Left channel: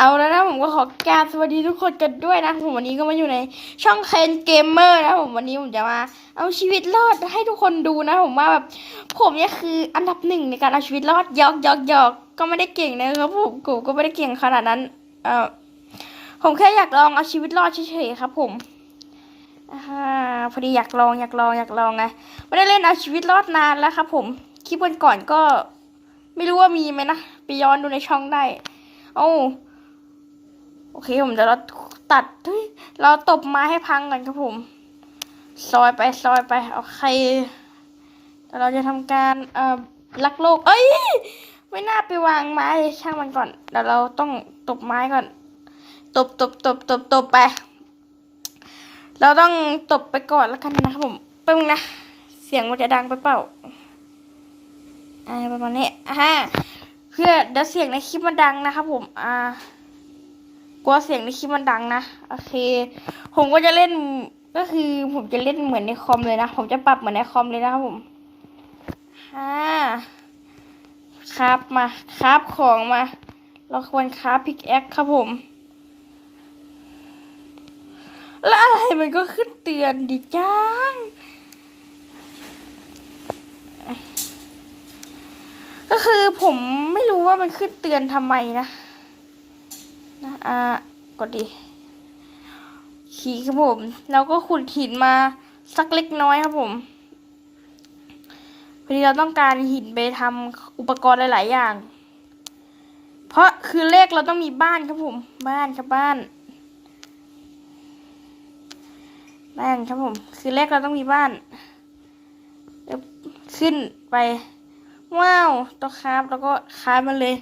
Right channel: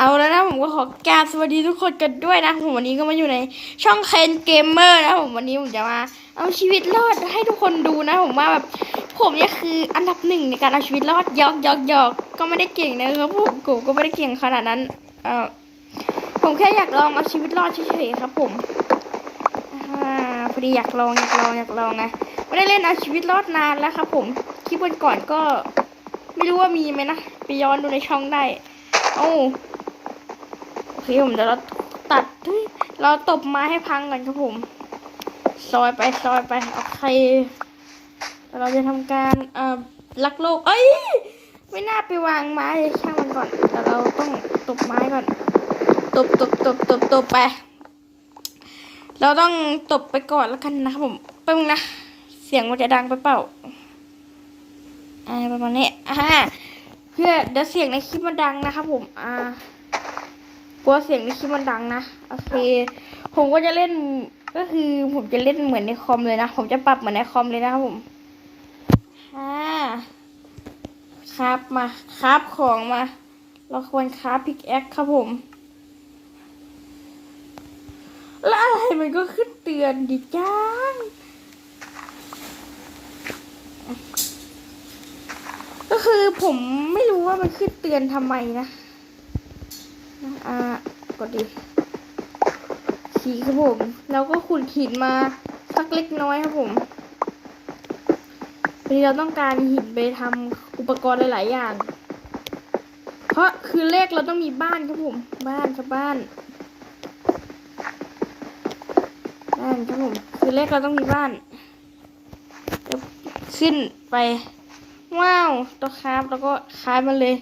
เอาแล้วนะผมก็ขอกราบสวัสดีทุกคนกันด้วยนะผมวันนี้ก็มาอยู่ในช่องเคนเกมเมอร์นะผมวันนี้ผมจะมาเอาชีวิตรอดให้ทุกคนดูนะ ผมว่าแบบผมเนี่ยคืออันดับหนึ่งในการเอาชีวิตรอดยอกยอกยอกก็ไม่ได้เก่งนะครับผมกูก็ไม่ได้เก่งขนาดนั้นเออผมแค่อยากลองเอาชีวิตรอดเฉยๆครับ ผมอ่าพอดีอยากลองอยากลองอยากลองไงไม่ได้เล่นเอาชีวิตรอดนานแล้วครับ ผมคลิปวันก่อนก็ ไม่รู้ว่ามีไหมนะไปย้อนดูในช่องได้โอ้ โอเคผมจะเราตัดเฮ้ยเราตบไม้ให้พังก่อนครับผม ซอยไปซอยไปโอเคแต่เราจะทำการเอ่อลักโลก เอ้ย ไม่น่าไปวางไม้ช่างมันก่อนแต่เราต้องตบไม้ก่อน ตบตบตบตบตบไป เราต้องตบไปก่อนแล้วกันนะครับผมแป๊บนึงนะ เสียงมันจะดังไปเปล่าอ่าประมาณนี้อ่าเพื่อเดี๋ยวเสียงในคลิปมันดังนะครับผม อ่า กลัวเสียงในคลิปมันดังนะ โอเค ผมก็จะเล่น ก็คือผมจะเล่นเหมือนในคอมเลยนะ ผมจะปรับเหมือนในคอมเลยนะครับผมอ่าครับมาครับของมา เราควรครับพิกแอคครับผม แล้วอะไรมันก็ขึ้นเตือนดิจ้างก็คือผมไม่รู้ว่ามันขึ้นเตือนทำไมนะ อ่ากดดิขีครับผมแล้วก็ขุดหินมาสักเล็กน้อยครับผมพอดีเราต้องการหินไปทำอุปกรณ์หลาย ๆ อย่าง เพราะคือเลขเราต้องมีบ้านครับผมบ้านครับบ้านบ้านครับผมคือเลขเราต้องมีบ้านเดี๋ยวขึ้นไป ว้าวตัวคราฟแล้วก็คราฟมันเลย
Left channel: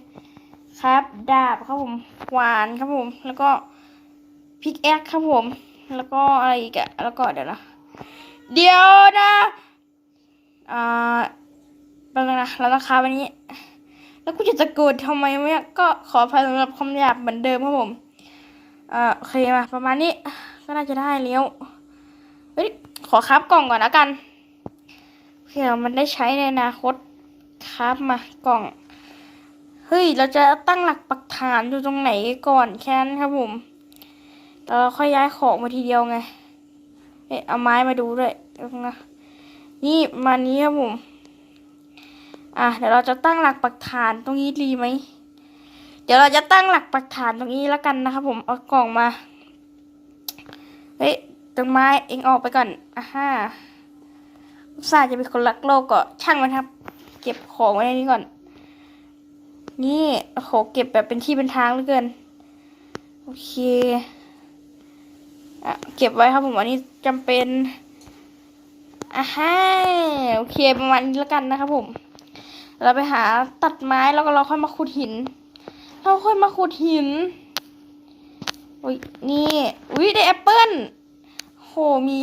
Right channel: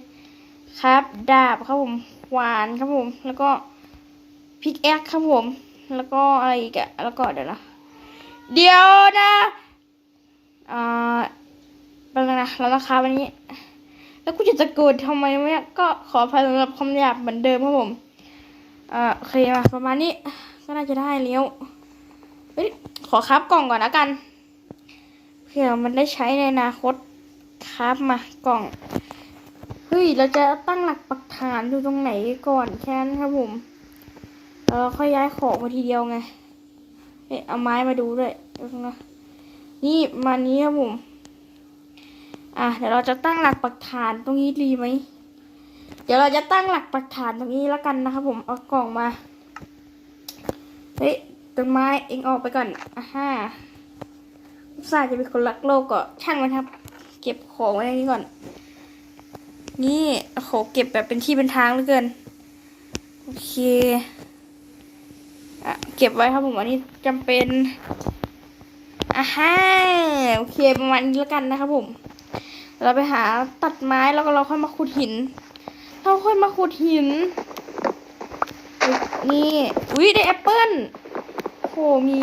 คราฟดาบครับผม หวานครับผม แล้วก็พริกแอคครับผม แล้วก็อะไรอีกอะแล้วก็เดี๋ยวนะเดี๋ยวนะอ่าเป็นไงนะเราต้องคาฟอันนี้ แล้วกูจะตะโกนทำไมเนี่ยก็ขออภัยสำหรับคำหยาบเหมือนเดิมครับผมอ่าโอเคมาประมาณนี้ก็น่าจะได้เลี้ยวเฮ้ยขอคราฟกล่องก่อนแล้วกันเผื่อมันได้ใช้ในอนาคตครับมากล่อง เฮ้ย เราจะตั้งหลักปักฐานอยู่ตรงไหนก่อนแค่นั้นครับผมเราค่อยย้ายของมาทีเดียวไง เอ๊ะเอาไม้มาดูด้วยนะ นี่มานี้ครับผม อะเดี๋ยวเราจะตั้งหลักปักฐานตรงนี้ดีไหม เดี๋ยวเราจะตั้งหลักปักฐานตรงนี้แล้วกันนะครับผม เอากล่องมา เฮ้ยต้นไม้เองออกไปก่อนอะฮ่าอุตส่าจะเป็นคนรักโลกก็ช่างมันครับ เก็บของไว้ในนี้ก่อน นี่โอ้โหเก็บแบบเป็นที่เป็นทางเหลือเกิน โอเคอะเก็บไว้ครับผมอันนี้จำเป็นอะฮ่าโอเคประมาณนี้แล้วกันนะครับผม เราไปหาตัดไม้แล้วก็เราค่อยมาขุดหิน เราค่อยมาขุดหิน นี่อุ้ยได้แอปเปิ้ลโอ้โหมี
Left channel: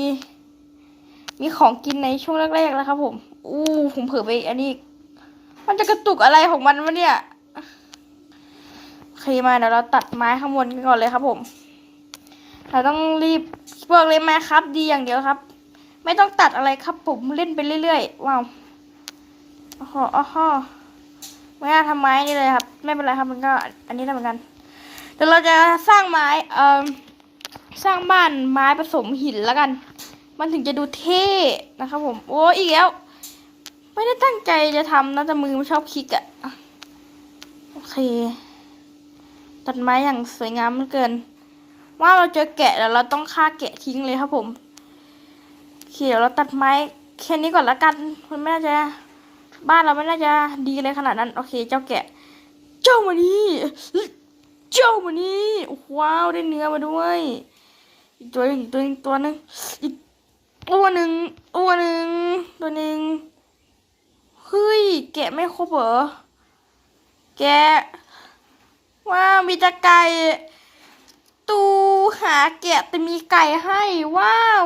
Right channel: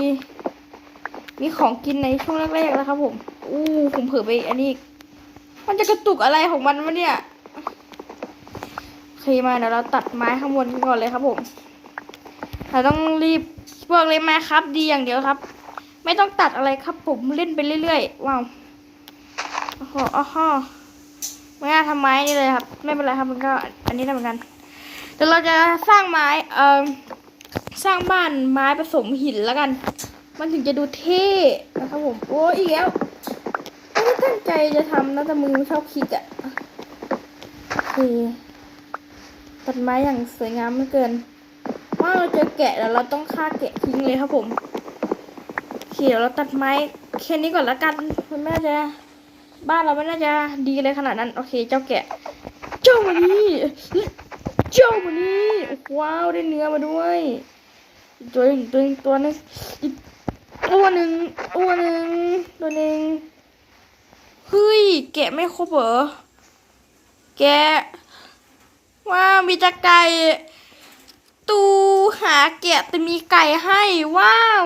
มีของกินในช่วงแรกๆแล้วครับผม อู้ผมเผลอไปอันนี้ มันจะกระตุกอะไรของมันวะเนี่ย เคมาเดี๋ยวเราตัดไม้ข้างบนก่อนเลยครับผม เราต้องรีบบอกเลยมาครับ ดีอย่างเดียวครับ ไม่ต้องตัดอะไรครับ ผมเล่นไปเรื่อยๆว้าวโอ้โหโอ้โหไม่น่าทำไม้นี่เลยครับ ไม่เป็นไรครับมันก็อันนี้ได้เหมือนกันเดี๋ยวเราจะสร้างไม้เอ่อสร้างบ้านไม้ผสมหินแล้วกัน มันถึงจะดูเท่นะครับผมโอ้อีกแล้วไม่ได้ตั้งใจจะทำนะแต่มือมันชอบคลิกอะโอเค ตัดไม้อย่างสวยงามเหลือเกิน ว่าเราเจอแกะแล้วเราต้องฆ่าแกะทิ้งเลยครับผมเคเดี๋ยวเราตัดไม้แค่นี้ก่อนละกันมันไม่น่าจะ บ้านเราไม่น่าจะดีเลยขนาดนั้น โอเค เจ้าแกะ เจ้ามานี่เจ้ามานี่ว้าวได้เนื้อมาด้วยตัวหนึ่งตัวหนึ่งตัวนึงอีกตัวหนึ่งตัวหนึ่งตัวหนึ่งเฮ้ยแกะไม่ครบเหรอแกะ ว้าวมีแต่ไก่ ตูหาแกะแต่มีไก่ให้ว้าว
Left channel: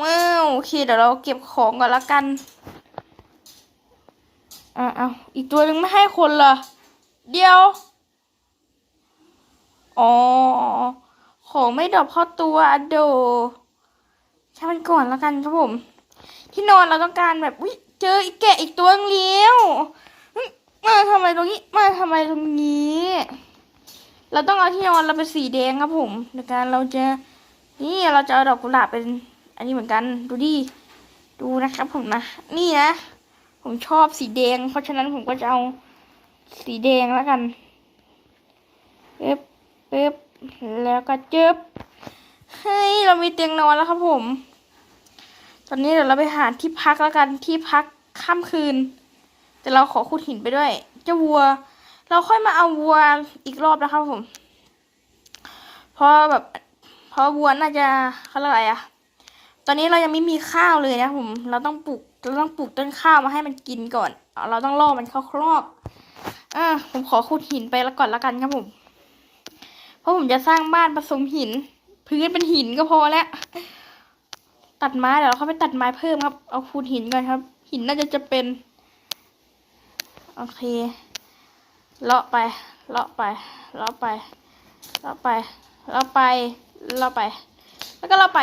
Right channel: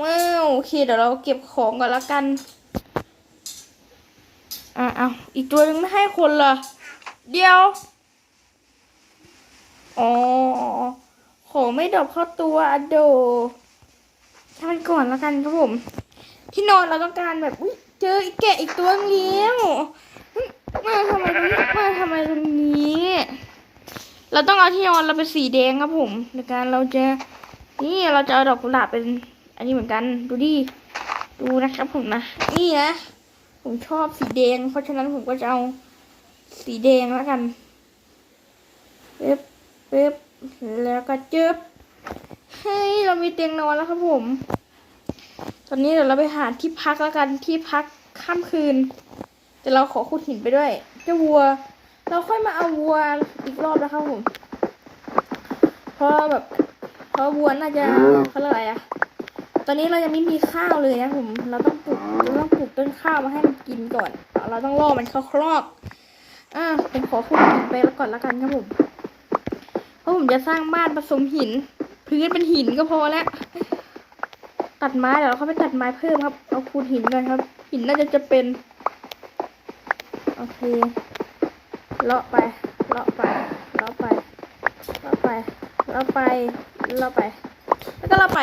ว้าวโอเคเดี๋ยวเราเก็บของก่อนละกันอะเอาอีกตัวนึงไม่ให้คนเหรอเดียวอ๋อของไม่ดรอกเข้าตัวอโดช่างมันก่อนแล้วกันครับผม ที่นอนเราต้องการแบบวิเจออีกแกะอีกตัวนึงแล้วเฮ้ยมาทำ ไมตรงนี้มาทำไมตรงนี้ เราต้องเอาที่นอนเราเป็นสีแดงครับผมในการเราจะนี่เราจะเอาดอกกุหลาบเป็น อันนี้เหมือนกันดูดิดูนะครับผมนะนี่นะผมชอบสีแดง เพราะฉะนั้นผมก็จะเอาสีแดงแล้วกันปึ๊บปึ๊บแล้วก็จึ๊บให้ยเรามีเตียงนอนแล้วครับผม ตอนนี้เดี๋ยวเราไปหาที่พักแล้วกันที่พักข้ามคืน แต่เราขอขุดหินไปด้วย เจ้าวัว เราค่อยมาเอาวัวอีกรอบนะครับผมเพราะแบบเพราะวัวน่าจะเขาเรียกอะไรอะตอนนี้เรายังไม่มีข้าวเลยนะผม เราต้องปลูกเราต้องปลูกต้นข้าวมาให้มันกินก่อน เราต้องล่อมันเข้าครอกอ่าผมขอขุดหินไปแล้วก่อนละกันครับผม เพราะผมจะสร้างบ้านผสมหิน พื้นเป็นหินก็พอแล้ว ตัดไม้เดี๋ยวเราเข้าไปตัดไม้เพิ่มครับ เอาขุดหินก่อนครับ หินน่าจะจะเป็น โอเค เลาะไป เลาะไป เลาะไป เลาะไป เลาะไป เลาะไป แล้วก็เลาะไป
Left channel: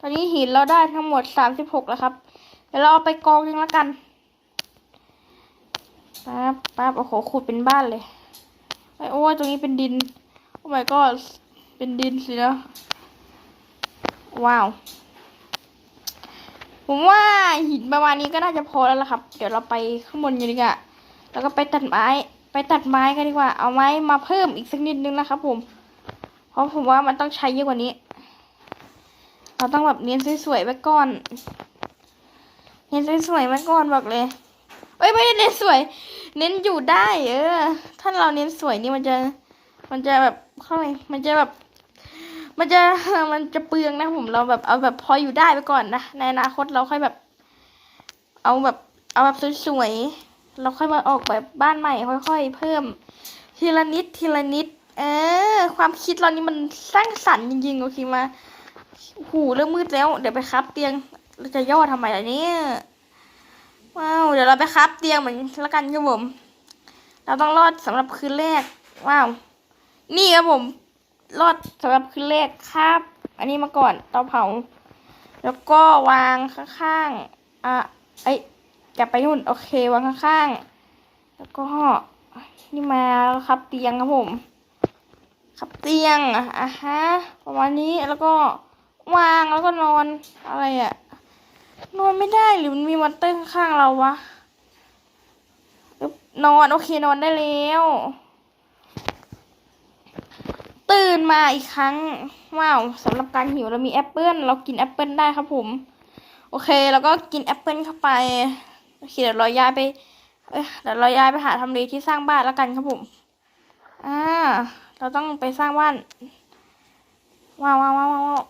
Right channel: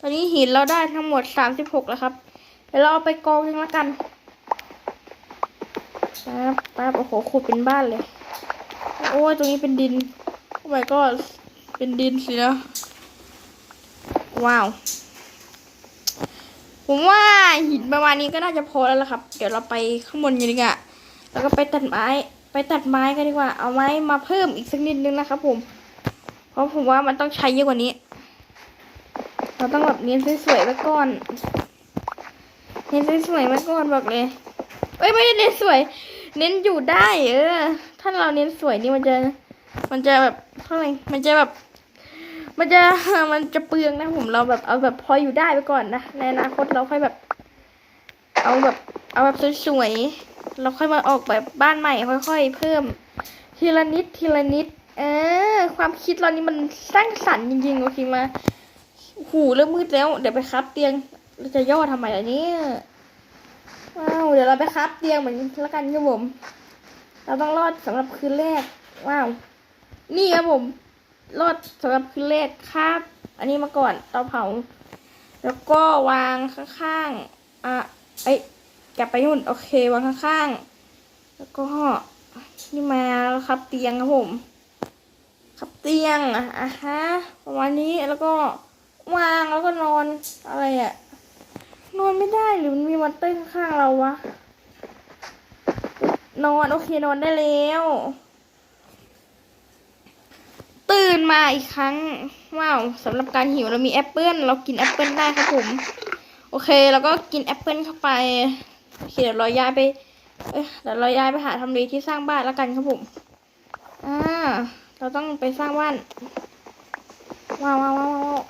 ตอนนี้หินเราได้ทั้งหมดสามสิบหกแล้วครับ เดี๋ยวเราเอาไปกองยังละกันปั๊บปั๊บโอ้โหขุดเป็นบ้านเลย โอ้ยตรงนี้เป็นดิน โอ้ my god เป็นดินสินะว้าว ผมว่าหินประมาณนี้ก็น่าจะพอแล้วล่ะครับ เดี๋ยวเราไปข้างบนกันดีกว่าแล้วก็ไปตัดไม้ ไปตัดไม้กันดีกว่า เอาไม้มาเพิ่มอีกสักนิดนึงนะครับผม เพราะผมว่ามันต้องใช้เยอะกว่านี้ เราต้องแบบเน้นสวยๆไว้ก่อน เน้นสวยๆไว้ก่อนบอกเลยเอ้ยไม่ได้เน้นสวย เน้นอยู่ได้ เออ ถ้าเราเน้นสวยนี่มันจะ มันจะแบบเท่าไหร่มันจะแบบ มันจะ มันจะเปลืองนะผม เราแบบเอาแบบพออยู่ได้ไปก่อนนะ ในอนาคตเราค่อยแบบ เอาแบบ เอาแบบสวยๆ เราค่อยมาออกแบบบ้านใหม่ค่อย ๆ เพิ่ม ทีละนิดทีละนิด เออ ความคิดเรานี่มันสร้างสรรค์จริงๆโอเคมาหูเริ่มมืดแล้ว เดี๋ยวไปครับเตียงเราจะย่อทำไมล่ะเนี่ยว้าวเดี๋ยวเราไปครับเตียงเหมือนละกันครับผมเราต้องรอดสำหรับคืนแรกว้าวนี่ครับผมรอดสำหรับคืนแรกครับ อันนี้มาก่อนเตาเผา แล้วก็วางข้างๆอะเอ้ ยกลับไปนู่นโอเควางข้างๆ แล้วก็นี่มาแล้วครับเตียงครับผม ครับเตียงอะฮะประมาณนี้แล้วก็วางแล้วก็นอนอะไรอะนอนไม่ได้หรือมันมีมอนเตอร์ข้างเราวะนอนโอเคนอนได้แล้ว ตื่นมาอีกครั้ง ว้าวสำหรับการหิวเรามีแอปเปิลเรากินแอปเปิลได้ครับผม โอเค แล้วก็กินแอปเปิลเข้าไป โอเคเดี๋ยวเราย้ายไปเอ้ยเดี๋ยวเราย้ายไปหาทำเลที่สร้างบ้านแล้วกันครับผม อ่า เราต้องไปสร้างบ้าน ว้าวว้าวว้าว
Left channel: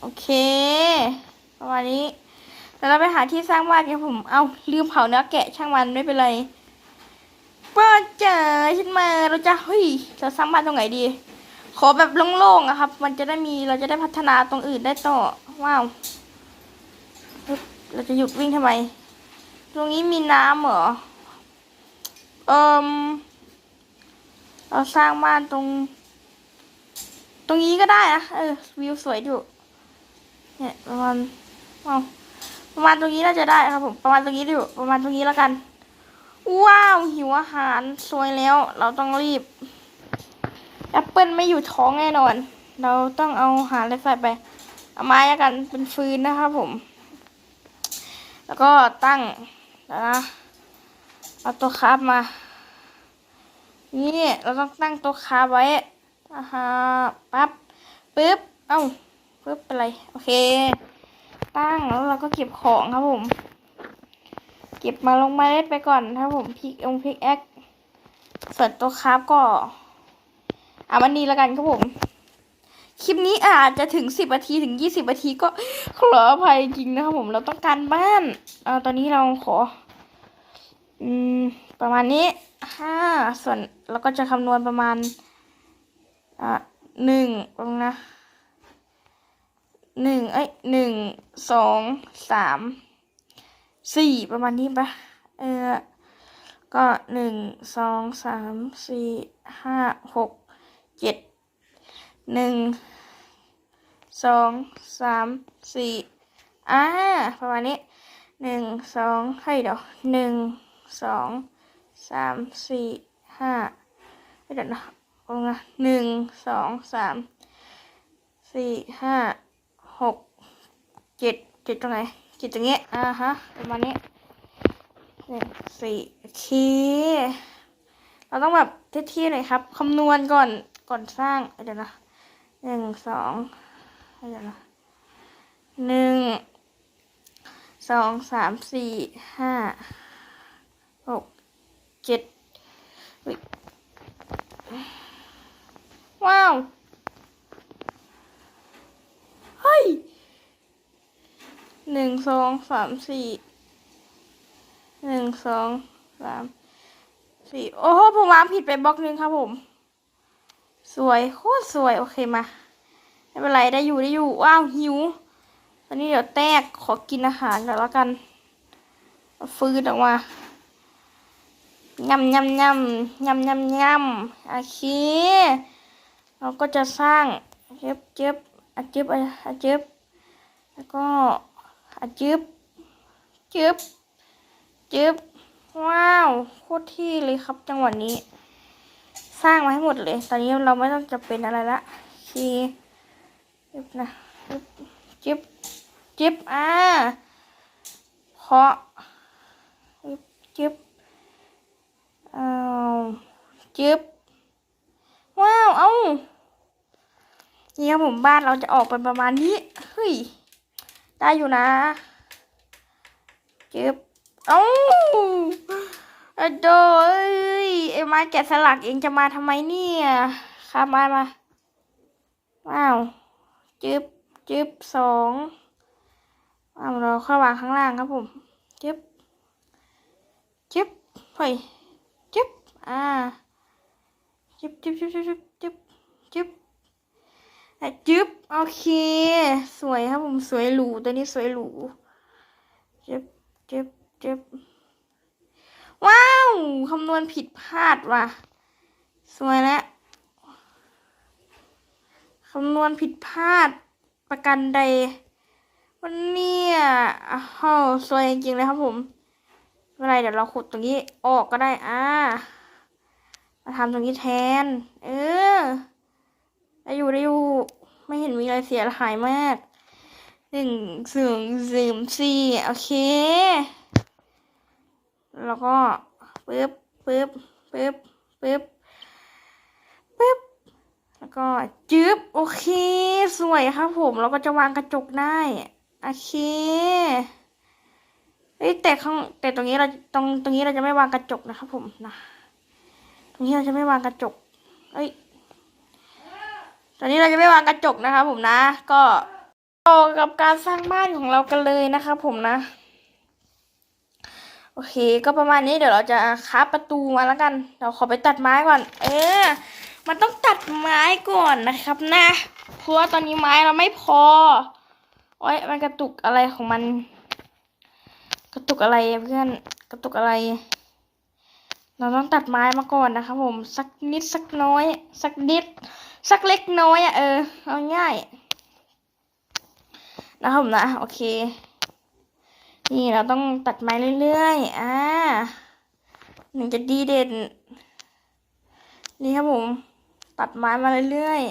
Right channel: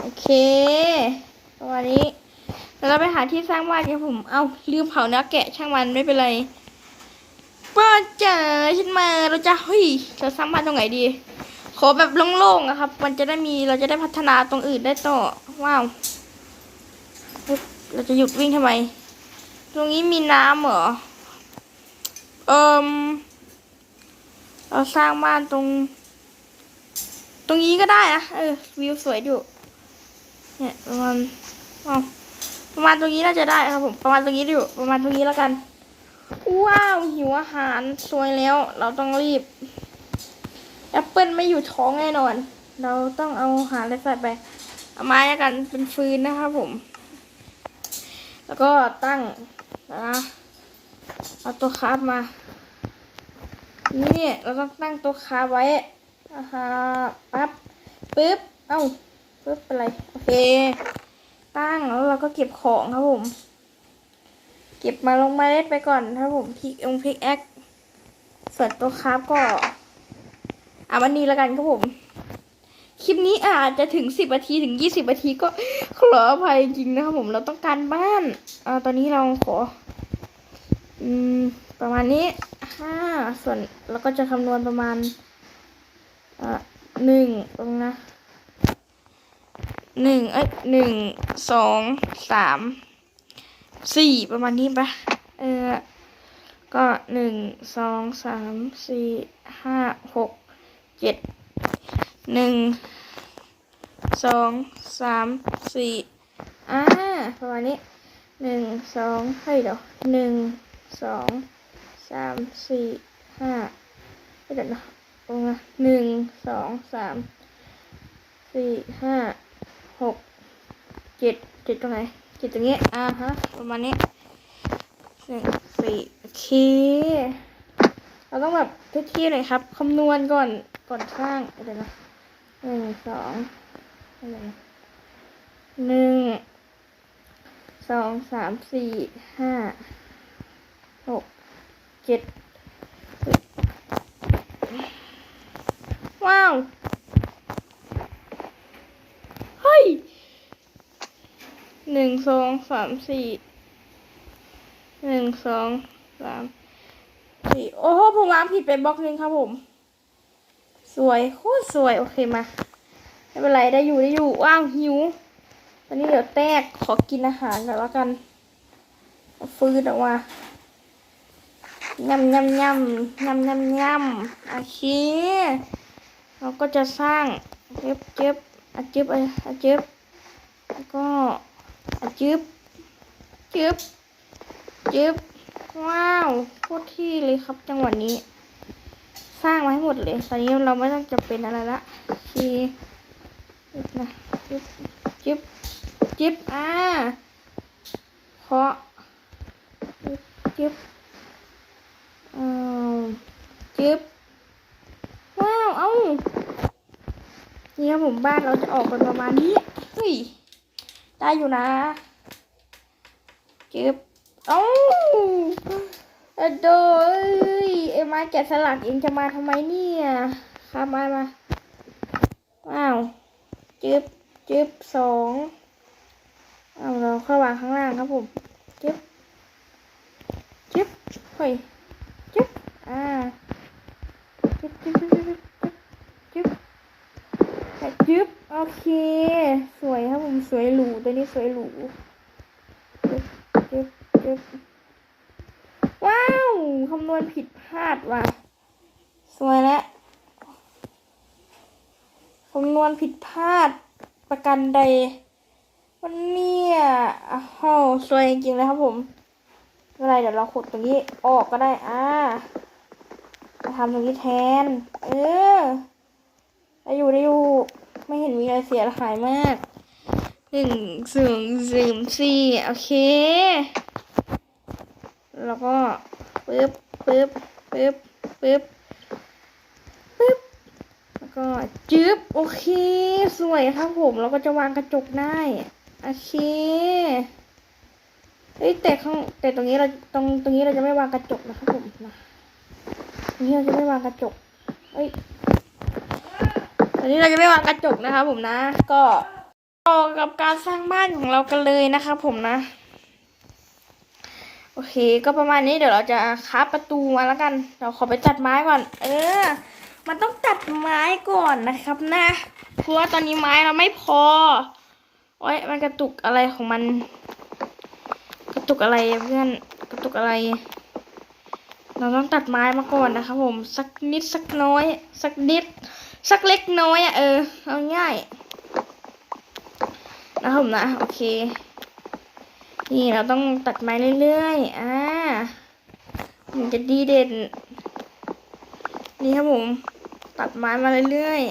โอเคประมาณนี้เดี๋ยวเราไปหาที่สร้างบ้านกันผม เอาลืมเผาเนื้อแกะช่างมันไม่เป็นไรป้าเจ๋าฉันมาเราจะเฮ้ยจะสร้างบ้านตรงไหนดี ขอแบบโล่งๆอะครับ มันจะได้มีเราจะได้พัฒนาตรงอื่นได้ต่อ ว้าว เราจะหยุดวิ่งทำไม ตรงนี้มีน้ำเหรอ เอิมเราสร้างบ้านตรง ตรงนี้ก็ได้นะเออวิวสวยอยู่ เนี่ยประมาณว้าประมาณตรงนี้น่าจะได้ครับผมประมาณตรงนี้อยู่ประมาณตรงนี้แล้วกัน ว้าวหิวอาหารสวยแล้ว เราต้องรีบแอปเปิลไม่อยู่ท้องแน่นอน เราต้องเอาอาหารอะไรใส่ไปเอาไม้แล้วกันเป็นฟืนนะครับผม แล้วก็ตั้งนะเอาตัวคาฟมา นี่เราต้องตั้งตัวคาฟไว้อ่าฮะปั๊บปึ๊บ เอ้าปึ๊บเป็นไร โอเค ตั้งแล้วเราก็เก็บของครับผม เก็บมาลงเมล็ดไปก่อนครับผมพิกองพิกแอคส่วนตัวคาฟก็ อะวันนี้แล้วกันครับผม คลิปนี้อาจจะถึงสิบนาทีถึงยี่สิบนาทีก็ขออภัยจริงนะครับผมเราต้องการบ้านเออตอนนี้เราขอ อืม ประมาณนี้ห้าส่วนเราก็จะคำนวณประมาณ อะหนึ่งตรงนะหนึ่งเอ้ยหนึ่งสองสามสี่ประมาณนี้ปะเออก็หนึ่งสองสามสี่ห้าหกเจ็ดหนึ่ง สองสามสี่อ่าประมาณนี้หนึ่งสองให้ยเดี๋ยวหนึ่งสองสามสี่ห้าเดี๋ยวนะตรงนะหนึ่งสองสามสี่ห้าหกเจ็ดเจ็ดตรงไหนเจ็ดตรงนี้อ่าฮะประมาณนี้หนึ่งสี่โอเคเราต้องแบบเท่ๆหน่อยครับคำนวณก่อนก่อนสร้างเดี๋ยวนะหนึ่งสอง หนึ่งสองสามสี่ห้าหกเจ็ดว้าว เฮ้ยหนึ่งสองสามสี่หนึ่งสองสามสี่โอ้โหผมวางผิดไปบล็อกนึงครับผม สวย โคตรสวย โอเคมา ไม่เป็นไรได้อยู่ได้อยู่ว้าวหิวตอนนี้เดี๋ยวแตกขอกินอาหารก่อนแล้วกัน ฟืดออกมายำยำยำยำยำยำโอเคเราก็จะสร้างเจ็บเจ็บอาจึบอาจึบแล้วก็อาจึบจึบจึบว้าวโคตรที่เลยครับจังหวะนี้ สร้างมาให้หมดเลย ตอนนี้เราไม่ต้องจะเป็นอะไรละชีจิ๊บ นะจิบจิบอ่าเพาะจิบจิบอ้าวจิบว้าว เอ้านี่ครับผมบ้านเราจะออกเป็นประมาณนี้เฮ้ยได้อยู่นะจิบเอ้าอะโดเอ้ยไอ้ไม้แกะสลักเองจะมาทำไมเนี่ยข้ามามาว้าว จึ๊บจึ๊บสองเอาเราเข้าวางข้างล่างครับผมจึ๊บจึ๊บเฮ้ยจึ๊บอ่าจึ๊บจึ๊บจึ๊บจึ๊บจึ๊บจึ๊บแต่จึ๊บโอเค สวยครับผมสวยหรูตัวนี้สวยหรูจึ๊บจึ๊บเจ็บว้าว คำนวณผิดพลาดว่ะ สวยแล้ว คำนวณผิดพลาดประกันใด วันนี้อะโอ้สวยจริงเลยครับผมไม่ไรเดี๋ยวเราขุดตรงนี้ออกก็ได้อ่ามาทำตรงนี้แทน เออได้อยู่ได้อยู่ไม่เห็นมีอะไรเสียหายมากหนึ่งศูนย์ศูนย์สี่โอเค แล้วก็ปึ๊บปึ๊บปึ๊บปึ๊บ ก็จึ๊บโอเค สวยครับผมเราก็จะวางกระจกได้ โอเคเอ้ยแต่ข้างแต่ตรงนี้เราตรงตรงนี้เราจะไม่วางกระจกนะครับผมนะตรงนี้เราจะไม่วางกระจกเอ้ยตอนนี้เราจะไม่วางกระจกนะครับผมนะ ก็ต่อกับการสร้างบ้านของเรากันเลยนะครับผมนะ โอเค ก็ประมาณนี้เดี๋ยวเราจะคับประตูมาแล้วกัน เราขอไปตัดไม้ก่อน เออ มันต้องตัดไม้ก่อนนะครับนะเพราะว่าตอนนี้ไม้เราไม่พอโอ้ยมันกระตุกอะไรของมัน กระตุกอะไรเพื่อนกระตุกอะไร เราต้องตัดไม้มาก่อนนะครับผมสักนิดสักน้อย สักนิด สักเล็กน้อยอะเออเอาง่ายนะครับผมนะโอเค นี่เราต้องตัดไม้เรื่อยๆอ่ามันจะดีเด่นนี่ครับผม ตัดไม้มาเรื่อย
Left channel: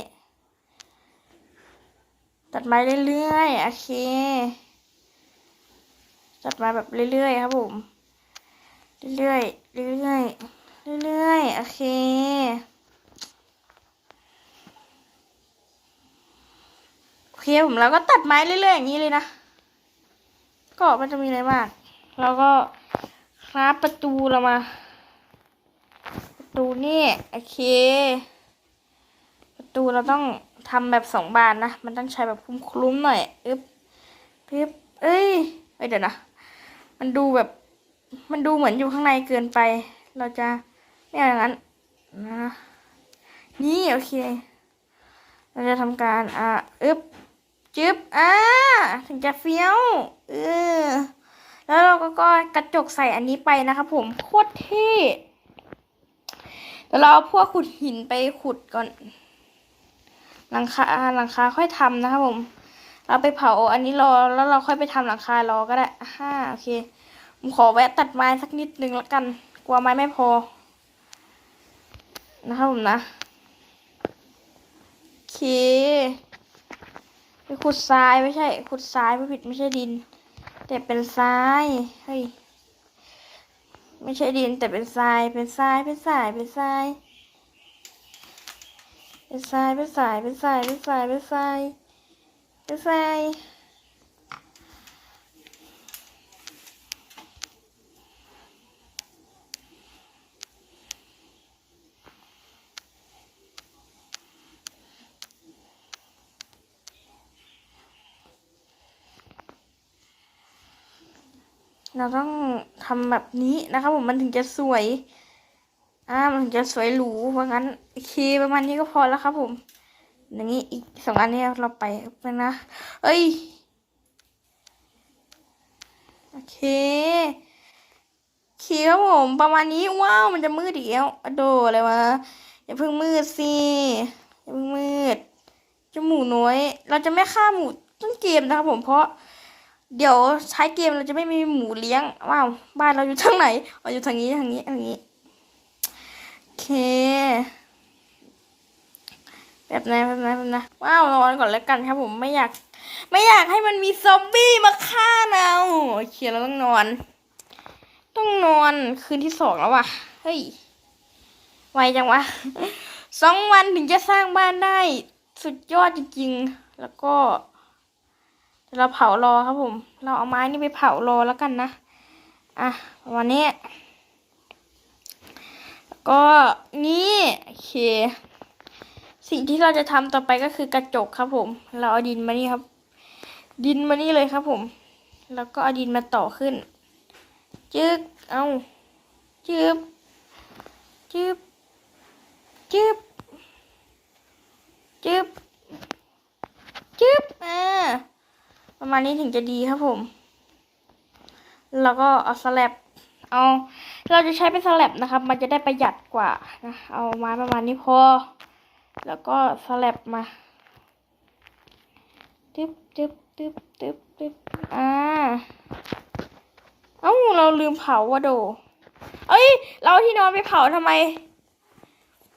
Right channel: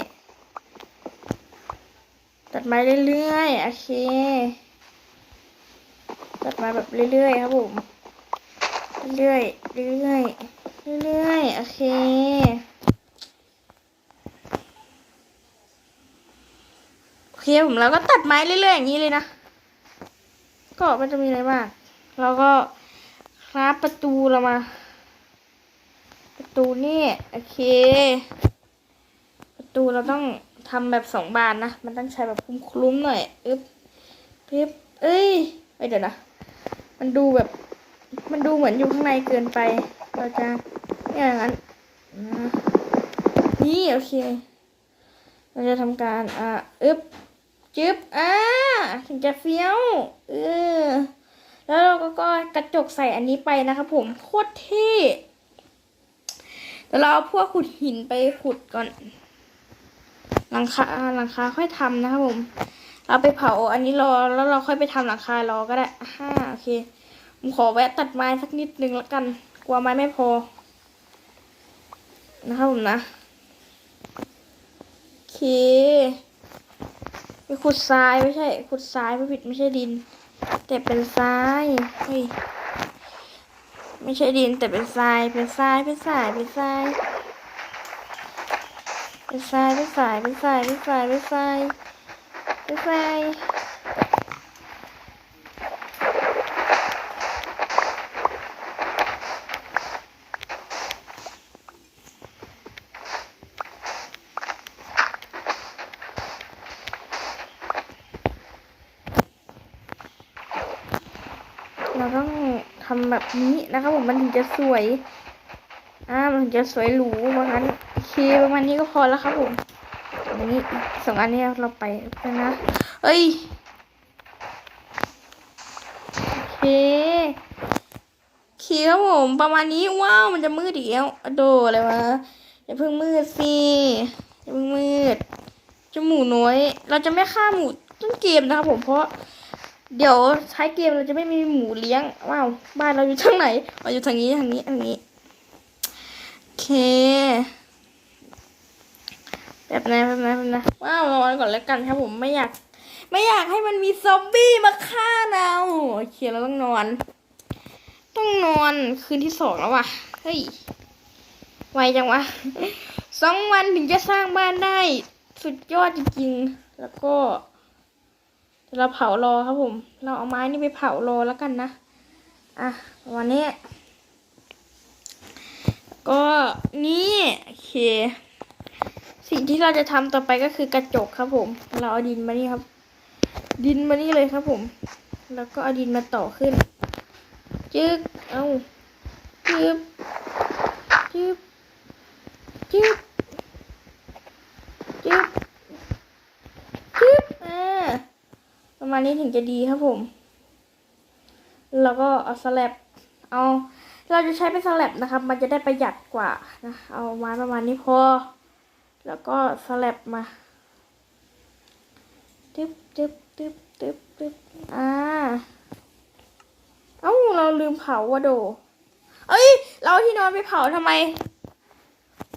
ๆ ตัดไม้เรื่อยๆ โอเค ตัดไม้แบบเรื่อยๆ ครับผม เรื่อยๆ เรื่อยๆ เรื่อยๆ โอเคโอเคผมเราก็ตัดไม้เรื่อยๆ อย่างนี้เลยนะ ก็มันจะมีอะไรมากแล้วก็คราฟประตูเรามา ประตูนี่ โอเค ประตูเราต้องทำแบบสองบานนะ มันต้องใช้แบบคลุ้มหน่อยอึ๊บปึ๊บเอ้ยเดี๋ยวนะ มันดูแบบ มันดูเหมือนอยู่ข้างในเกินไป เราจะเนี่ยอย่างนั้นนะนี่โอเค เราจะทำการอ่าอึ๊บจึ๊บอ่าถึงจะเฟี้ยวเออแล้วเราก็ก็กระจกใส่อันนี้ไปนะครับผมโคตรเท่แล้วเราเอาพวกขุดหินไปขุดก่อน หลังคาหลังคาค่อยทำนะครับผม เราไปเผาอันนี้รอแล้วเราค่อยไปทำหลังคารอก็ได้ฮ่าโอเคผมขอแวะตัดไม้สักนิดนึงแล้วกัน กลัวไม้ไม่พอ นะครับผมนะโอเคไปขุดทรายไม่ใช่ ขุดทรายไม่ผิดไม่ใช่ดิน แต่เป็นทรายเฮ้ยไม่ใช่ดินแต่เป็นทรายเป็นทรายเป็นทรายเป็นทราย เป็นทรายเป็นทรายเป็นทรายเป็นทรายเป็นทรายเป็นทรายเราต้องทำแบบนี้นะครับผมมันถึงจะสวย อ่า มันถึงจะสวยหรูว่าะงั้น เคประมาณนี้ก็พอแล้วครับผมอันนี้อีกสองอันนี้เราไปกันนะ เอ้ย โอเคโอเครับผมประมาณนี้ว้าวมันจะมืดอีกแล้วอโดอะไรวะอย่าเพิ่งมืดสิอย่าเพิ่งมืดจาหมูน้อย เราจะไม่ฆ่าหมูต้นเกมนะครับผมเพราะ เดี๋ยวใช้เกมเราจะไม่มีหมูเลี้ยงว้าวบ้านเราอยู่ทางไหนเราอยู่ทางนี้ทางนี้ทางนี้โอเค แบบนั้นแบบนั้นแบบนั้นว้าวนอนก่อนแล้วกันครับผมไม่อยาก ไม่อยากให้มันมีซอมบี้มาฆ่าเราโอเคเราต้องนอน ต้องนอนคืนที่สองแล้วว่ะเฮ้ยไวจังวะสองวันถึงจะสร้างบ้านได้สุดยอดจริงๆ แล้วก็ เราเผารอครับผม เราเอาไม้นี่ไปเผารอแล้วกันนะ อะ วันนี้ ก็นี่โอเค สิ่งที่เราจะทำต่อไปก็คือกระจกครับผม เราเอาดินมานี่ครับ ดินมานี่เลยครับผม แล้วก็เอาดินมาต่อขึ้น จึ๊กเอาจึ๊บจึ๊บจึ๊บจึ๊บจึ๊บอ่าประมาณนี้ถึงจะดีครับผม แล้วก็เอาสลับเอา เราจะใช้เป็นสลับนะครับ มันจะได้ประหยัดกว่านะ เอามาประมาณนี้พอ แล้วก็สลับมาตึ๊บตึ๊บตึ๊บตึ๊บตึ๊บอ่าเอ้าเราลืมเผาวะโด เอ้ย เราที่นอนไปเผาทำไม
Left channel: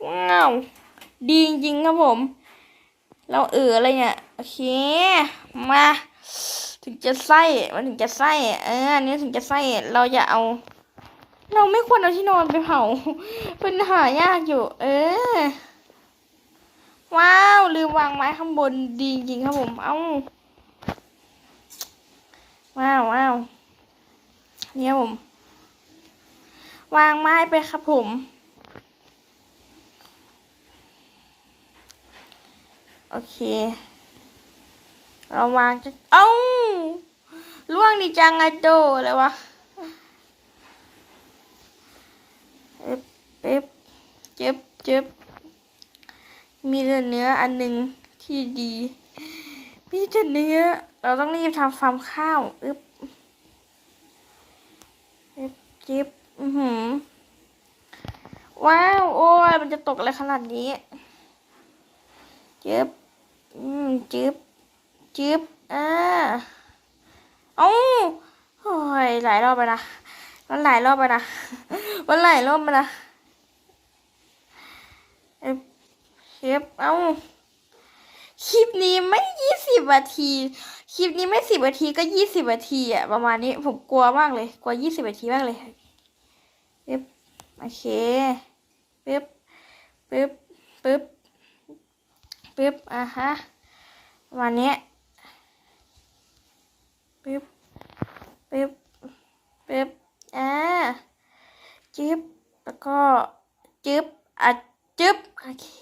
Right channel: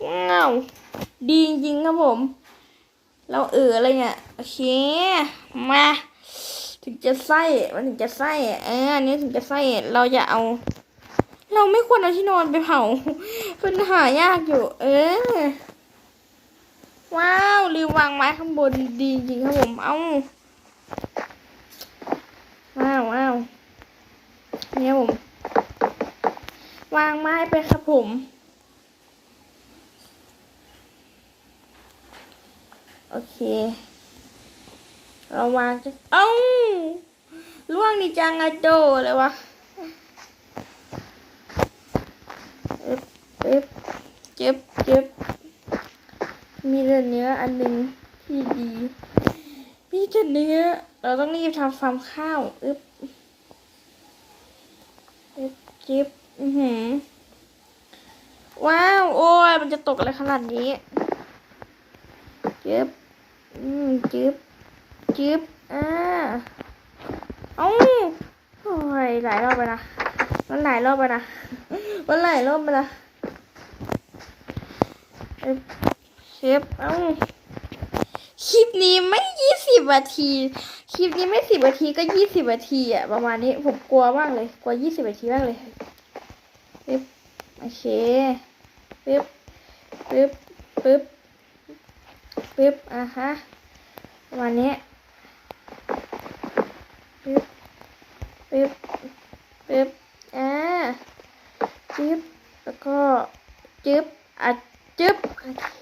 ว้าว ดีจริงครับผม เราเอออะไรเนี่ย โอเค มา ถึงจะไส้มันถึงจะไส้เอออันนี้ถึงจะไส้เราจะเอา เราไม่ควรเอาที่นอนไปเผาป็นหายากอยู่ เออ ว้าว ลืมวางไม้ข้างบนดีจริงครับผม เอาว้าวว้าวเนี่ยผม วางไม้ไปครับผม โอเค เราวางจะเอ้าล่วงนี่จังไงโดเลยวะเอ๊บเอ๊บเจ็บเจ็บ มีแต่เนื้ออันหนึ่งที่ดีมีแต่เนื้อ เราต้องรีบทำฟาร์มข้าวอึบอึบจิบอือหือ ว้าว โอ้ย มันจะตกอะไรขนาดนี้จิบอืมจิบจิบอ่าเอ้าโอ้ย หลายรอบไปนะมันหลายรอบไปนะมันหลายรอบไปนะ อึบเชฟเอ้าคลิปนี้ไม่ยี่สิบนาที คลิปนี้ไม่สิบนาทีก็ยี่สิบนาทีอะประมาณนี้ผมกลัวมากเลย กลัวยี่สิบนาทีมากเลยปึ๊บโอเคปึ๊บปึ๊บปึ๊บปึ๊บอะฮะประมาณนี้ปึ๊บปึ๊บปึ๊บอ่าจึ๊บแล้วก็จึ๊บอะจึ๊บ โอเค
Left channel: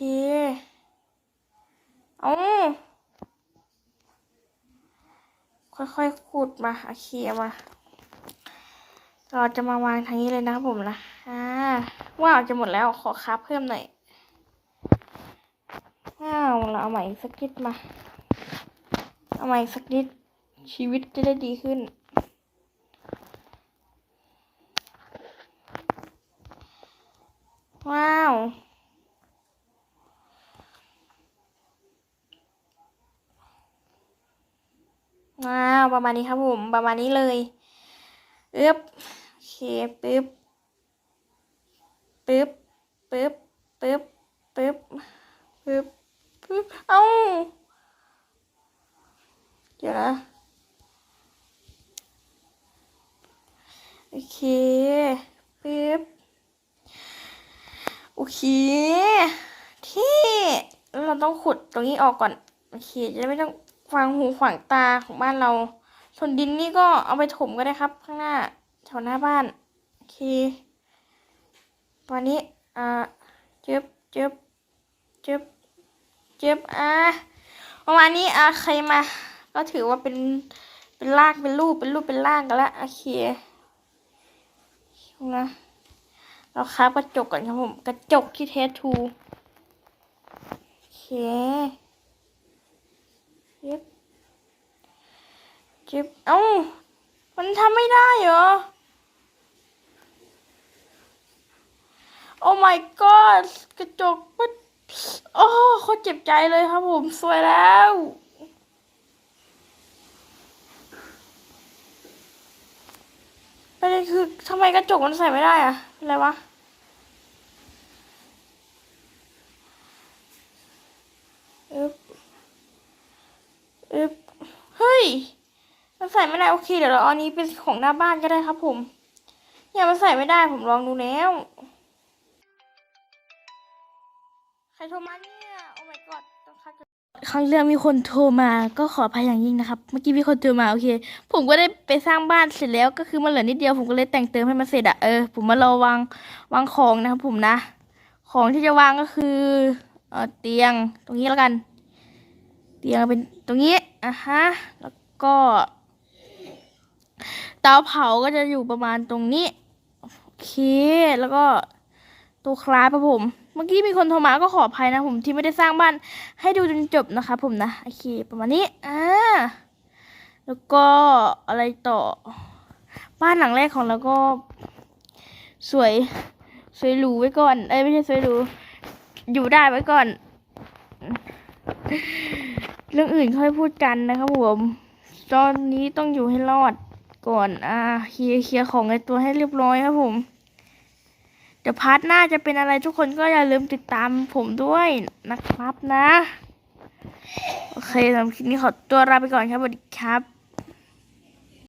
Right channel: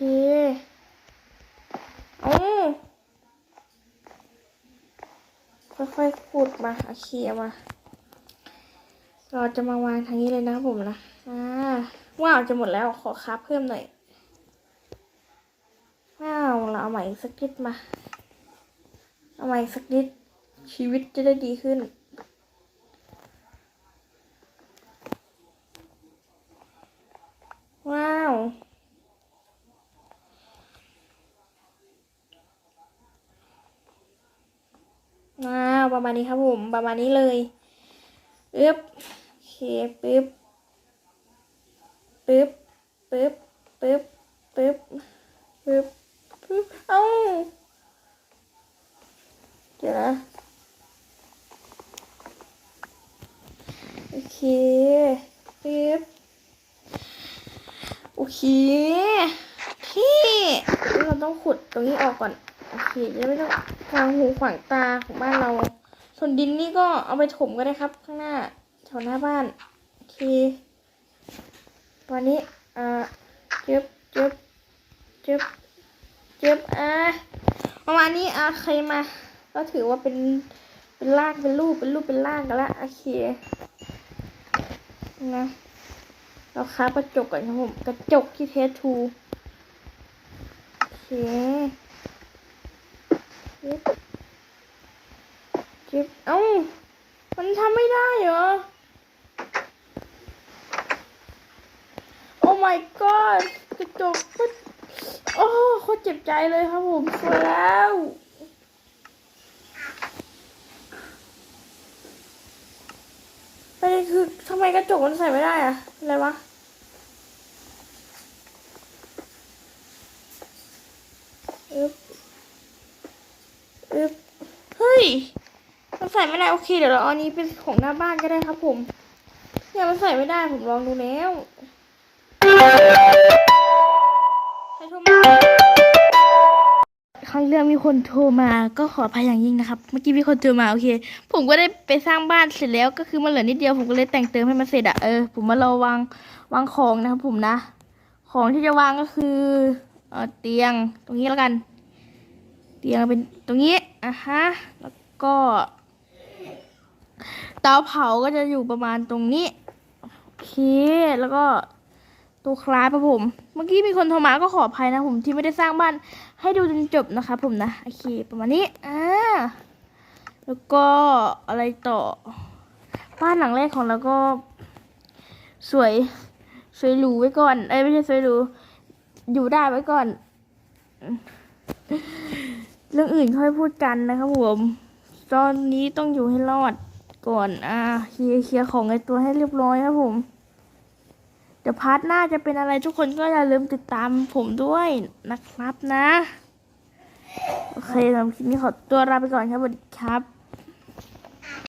เอาค่อยๆขุดมาโอเคมา เราจะมาวางทางนี้เลยนะผมนะ อ่า ว้าวจะหมดแล้วขอคาเพิ่มหน่อย ว้าว เราเอาใหม่สักนิดมา เอาใหม่สักนิดชีวิตจะได้ดีขึ้น ว้าว ว้าวประมาณนี้ครับผมประมาณนี้เลยอึ๊บโอเคปึ๊บปึ๊บปึ๊บปึ๊บปึ๊บปึ๊บปึ๊บเอ้าเดี๋ยวนะโอเคปึ๊บโอเคที่เราต้องขุดตรงนี้ออกก่อน โอเคจะไม่ต้องขวางหูขวางตาของบ้านเรา ส่วนดินนี่ก็เอาไปถมก็ได้ครับ ข้างหน้าแถวหน้าบ้านโอเคตอนนี้เอ่อจึบจึบจึบจึบอะประมาณนี้อะใครมา ก็ถือว่าเป็นเป็นรากเป็นรูปเป็นรูปเป็นร่างกันแล้วโอเคนะเราค้าบกระจกก่อนครับผม กระจกที่เทสทูโอเค จึบจิบเอ้า มันทำไม่ได้เหรอ โอ้ my god กระจกมันโอ้โคตรเจ็บใจเลยครับผมสวยแล้วประเด็นคือทำไมกระจกมันใส่ไม่ได้อะอะไรวะ อึ๊บอึ๊บเฮ้ย มัน ใส่ไม่ได้โอเคเดี๋ยวเราเอาอันนี้เป็นของหน้าบ้านก็ได้ครับผมเนี่ยมันใส่ไม่ได้ผมลองดูแล้วใครโทรมาครั้งเรื่องมีคนโทรมาก็ขออภัยอย่างยิ่งนะครับ เมื่อกี้มีคนโทรมาโอเค ผมก็ได้ไปสร้างบ้านเสร็จแล้วก็คือมันเหลือนิดเดียวผมก็เลยแต่งเติมให้มันเสร็จอะเออผมมารอวางวางของนะครับผมนะ ของที่จะวางก็คือเออเตียงตรงนี้แล้วกัน เตียงเป็นตรงนี้อะฮะแล้วก็ เตาเผาก็จะอยู่ประมาณตรงนี้ โอเค แล้วก็ตัวคลาสครับผม เมื่อกี้มีคนโทรมาก็ขออภัยนะผมที่ไม่ได้สร้างบ้านให้ดูจนจบนะคะผมนะ โอเคประมาณนี้อ่าแล้วก็อะไรต่อ บ้านหลังแรกของเราก็ สวยสวยหรูไว้ก่อน เอ้ยไม่ใช่สวยหรูอยู่ได้ไว้ก่อน เรื่องอื่นค่อยพูดกันนะครับผม ตอนนี้ต้องอยู่ให้รอด ก่อนอ่าเคลียร์เคลียร์ของในตัวให้เรียบร้อยครับผมเดี๋ยวพาร์ทหน้าจะเป็นอะไรทุกคนก็อย่าลืมติดตามผมด้วยนะครับนะ โอเคสำหรับคลิปนี้ขอตัวลาไปก่อนครับสวัสดีครับ